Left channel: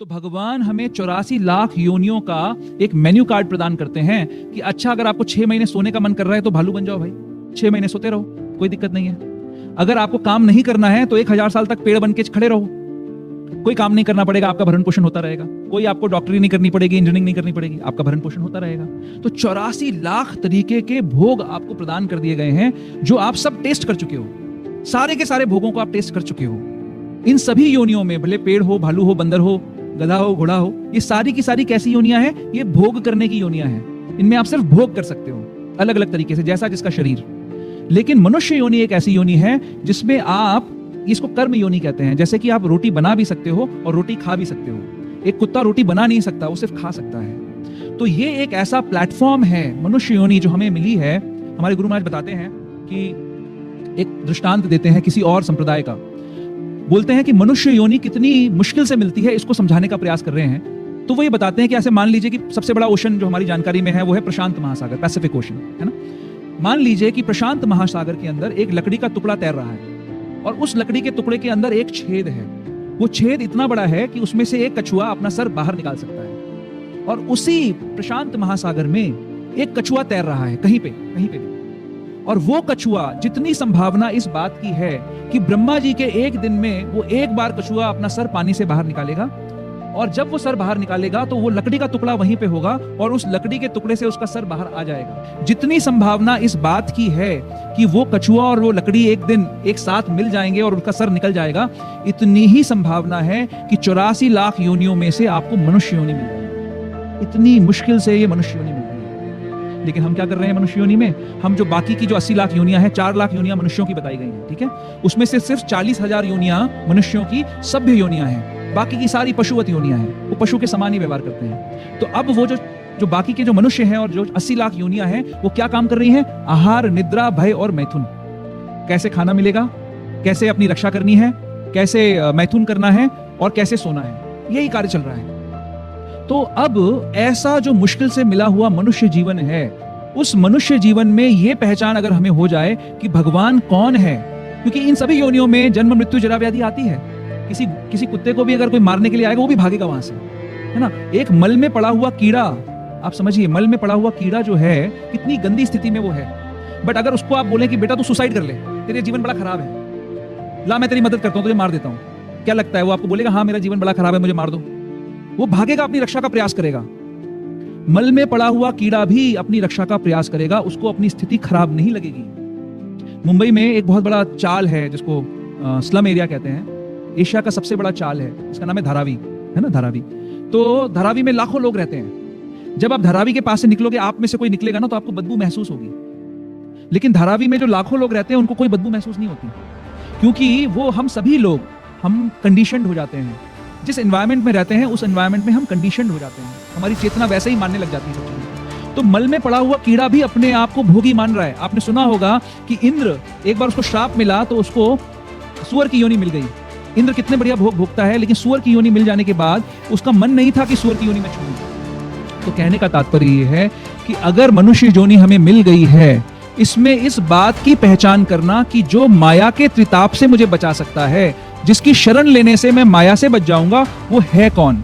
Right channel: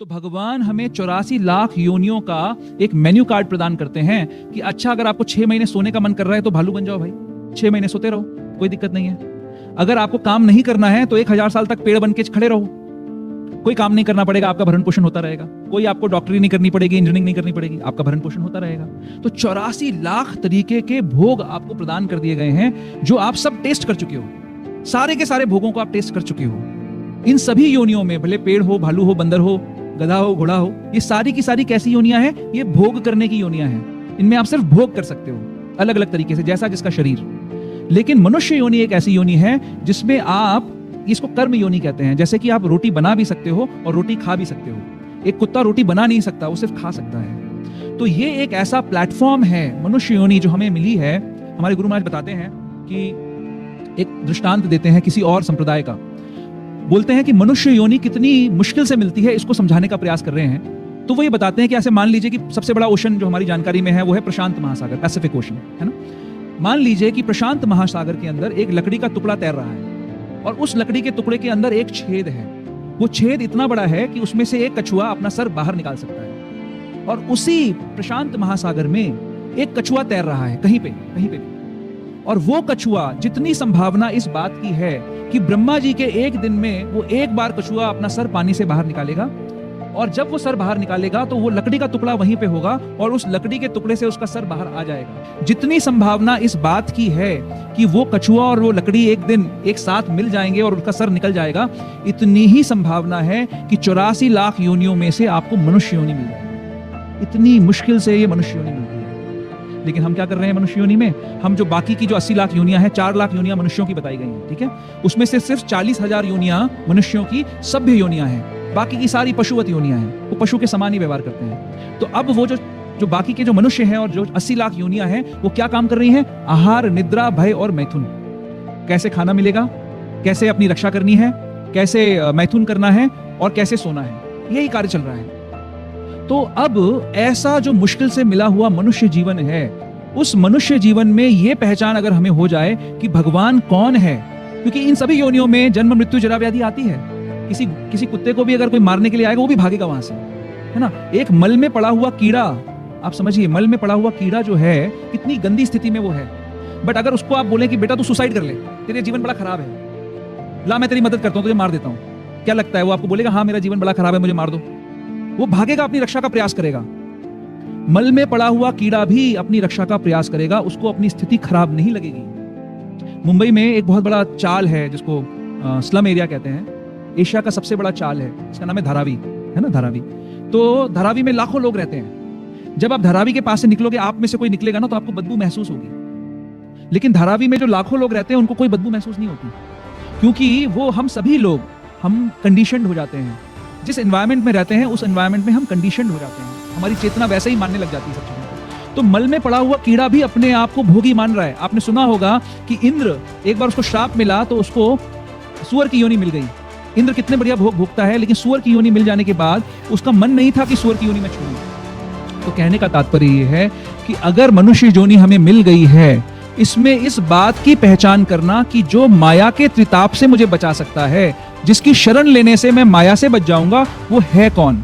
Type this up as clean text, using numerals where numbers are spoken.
तो भगवान हमें 84 लाख योनियों का एक मेन्यू कार्ड प्रदान करते हैं कि अच्छा, अगर आपको 6 महीने सोने का मन कर रहा है तो भालू बन जाओ भाई, 6 महीने सोते रहो, कोई दिक्कत नहीं है। अगर आपको काम नहीं करना है तो 1000 साल तक पेड़ बन के खड़े रहो, कोई काम नहीं करना पड़ेगा, आपका भरण पोषण होता रहेगा। कोई आपको डॉक्टरी नहीं करनी पड़ेगी, इंजीनियरिंग नहीं करनी पड़ेगी, आपका भरण पोषण होता रहेगा। तो 84 लाख तरीके के भोग आपको प्रदान कर दिए गए हैं जो आप सब टेस्ट कर चुके हो। सारे के सारे भोगों को आप टेस्ट कर चुके हो। इन सभी योनियों में, भले पेड़ हो, भालू हो, बंदर हो, गधा हो, घोड़ा हो, ये सारी की सारी कैसी योनियां हैं? ये भोग करने की योनियां हैं। इनमें आप सिर्फ भोग कर सकते हो अलग अलग तरीके से, जैसा जिसका शरीर। लेकिन मनुष्य योनि एक ऐसी योनि है जिसमें आप, इसको कर्म योनि कहते हैं। जैसे कि आप रोटी बना भी सकते हो और रोटी खा भी सकते हो। एक कुत्ता रोटी बना नहीं सकता, वो सिर्फ खा सकता है। तो ये एक ऐसा प्लेटफॉर्म है मनुष्य योनि जो हमें मिली है। हमारे गुरु महाराज बताते हैं कि एक दृष्टांत देते हैं किसी और संप्रदाय का। बोलते हैं कि मनुष्य योनि कितनी मुश्किल से मिलती है, इसको समझाने का प्रयास कर रहे हैं। तो वो ये बताते हैं कि ऐसे मान लीजिए कि सबसे बड़ा ओशन जो हमारी जानकारी में है वो है प्रशांत महासागर, पैसिफिक ओशन, है ना। मान लीजिए कि प्रशांत महासागर के अंदर एक लकड़ी का टुकड़ा तैर रहा है और उस लकड़ी के टुकड़े के अंदर एक छेद है। वो छेद इतना बड़ा है कि उसमें से एक कछुआ अपना सर बाहर निकाल सकता है। और उसी प्रशांत महासागर में एक कछुआ तैर रहा है कहीं पे। और वो कछुआ, जितनी संभावना इस बात की है कि ब्रह्मा जी के एक दिन में वो एक बार कछुआ अपना सर पानी से बाहर निकालेगा, और जब वो सर बाहर निकालेगा तो वो लकड़ी का टुकड़ा वहीं पे होगा और उस लकड़ी के टुकड़े से उसका सर बाहर आ जाएगा। जितनी संभावना इस बात की है कि वो कछुआ और वो लकड़ी एक दिन एक साथ मिल जाएंगे और उनका सर निकल जाएगा, इतनी ही संभावना है कि 84 लाख योनियों में से आपको मनुष्य योनि मिल जाएगी। इतनी मुश्किल से ये मनुष्य योनि मिलती है। लेकिन हम क्या कर रहे हैं मनुष्य योनि में? हम जो बाकी की जो 80 लाख योनियां हैं, 4 लाख योनियां मनुष्यों की बताई गई हैं, ठीक है। उसमें से सिर्फ 40,000 योनियां मनुष्यों की सभ्य योनियां हैं। बाकी की सारी पशुवत योनियां हैं, वो पशु के समान ही व्यवहार करते हैं। तो अब वो जो बाकी के जो मनुष्य हैं और जो 80 लाख योनियां हैं, वो क्या काम कर रही हैं? आहार, निद्रा, भय और मैथुन। कैसे खाना मिलेगा, कैसे अपनी रक्षा करनी है, कैसे मैथुन करना है और कैसे सोना है, यही कार्य चल रहा है। तो अब ऐसा जो मुश्किल से मिला हुआ मनुष्य जीवन है, उस मनुष्य जीवन में ये पहचान अगर हमें हो जाए कि भगवान कौन है, क्योंकि इन सभी योनियों में जन्म, मृत्यु, जरा व्याधि आती है। किसी कुत्ते को भी अगर कोई मारने के लिए आएगा, वो भी भागेगा वहां से, है ना। एक मल में पड़ा हुआ कीड़ा, आप समझिए, मल में पड़ा हुआ कीड़ा जो है कितनी गंदी स्थिति में वो है। बट अगर उसको आप बोले कि बेटा तू सुसाइड कर ले, तेरे जीवन बड़ा खराब है, ला मैं तेरी मदद करता हूँ, तुझे मार देता हूँ, क्या लगता है वो आपको बोलेगा हाँ मेरा जीवन बड़ा खराब है, मुझे मार दो? वो भागेगा, अपनी रक्षा का प्रयास करेगा। मल में पड़ा हुआ कीड़ा भी अपनी रक्षा का प्रयास करेगा, उसको अपनी स्थिति खराब नहीं लगेगी। मुंबई में एक बहुत बड़ा चाल है जिसको स्लम एरिया कहते हैं। एशिया का सबसे बड़ा चाल है, इसका नाम है धारावी, है ना, धारावी। तो धारावी में लाखों लोग रहते हैं। जब आप धारावी के पास से निकलोगे, आप में से कोई निकलेगा ना, तो आपको बदबू महसूस होगी। लेकिन धारावी में जो लाखों लोग रहते हैं, उनको कोई बदबू महसूस नहीं होती, क्योंकि वो हम सभी लोग, हम कंडीशनड हो जाते हैं। जिस एनवायरमेंट में रहते हैं, उस एनवायरमेंट में हम कंडीशनड हो जाते हैं। हमारी चेतना वैसे ही मानने लग जाती है सब चीजों को। तो मल में पड़ा हुआ कीड़ा भी अपने आप को भोगी मान रहा है। आपने सुना होगा कि इंद्र, एक बार उसको श्राप मिला तो उसको सूअर की योनि मिल गई। इंद्र कितने बढ़िया भोग भोगता है, लेकिन सूअर की योनि मिल जाने के बाद उसका मन नहीं था कि सूअर की योनि में छोड़ूं। तो कहने का तात्पर्य ये है कि अगर मनुष्य योनि हमें मिल गई है, इसमें इस बात की पहचान करना कि जो माया के त्रिताप से मुझे बचा सकता है, जिसकी शरण लेने से मैं माया से बच जाऊंगा, वो है कौन?